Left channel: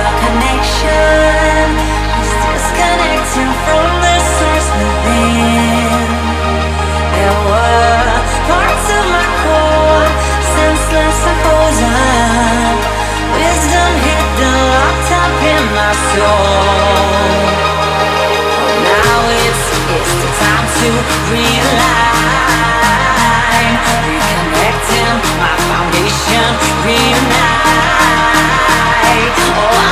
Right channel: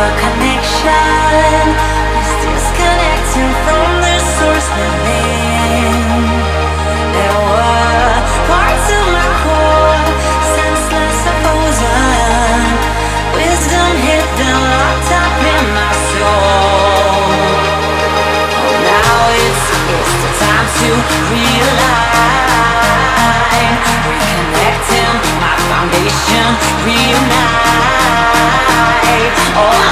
our connection is disconnecting from the source within. There were parts of my core, senseless and frozen, wisdom hidden, locked up in my soul. Oh, now it's the time to realign, reconnecting my foundation, reunite. Oh,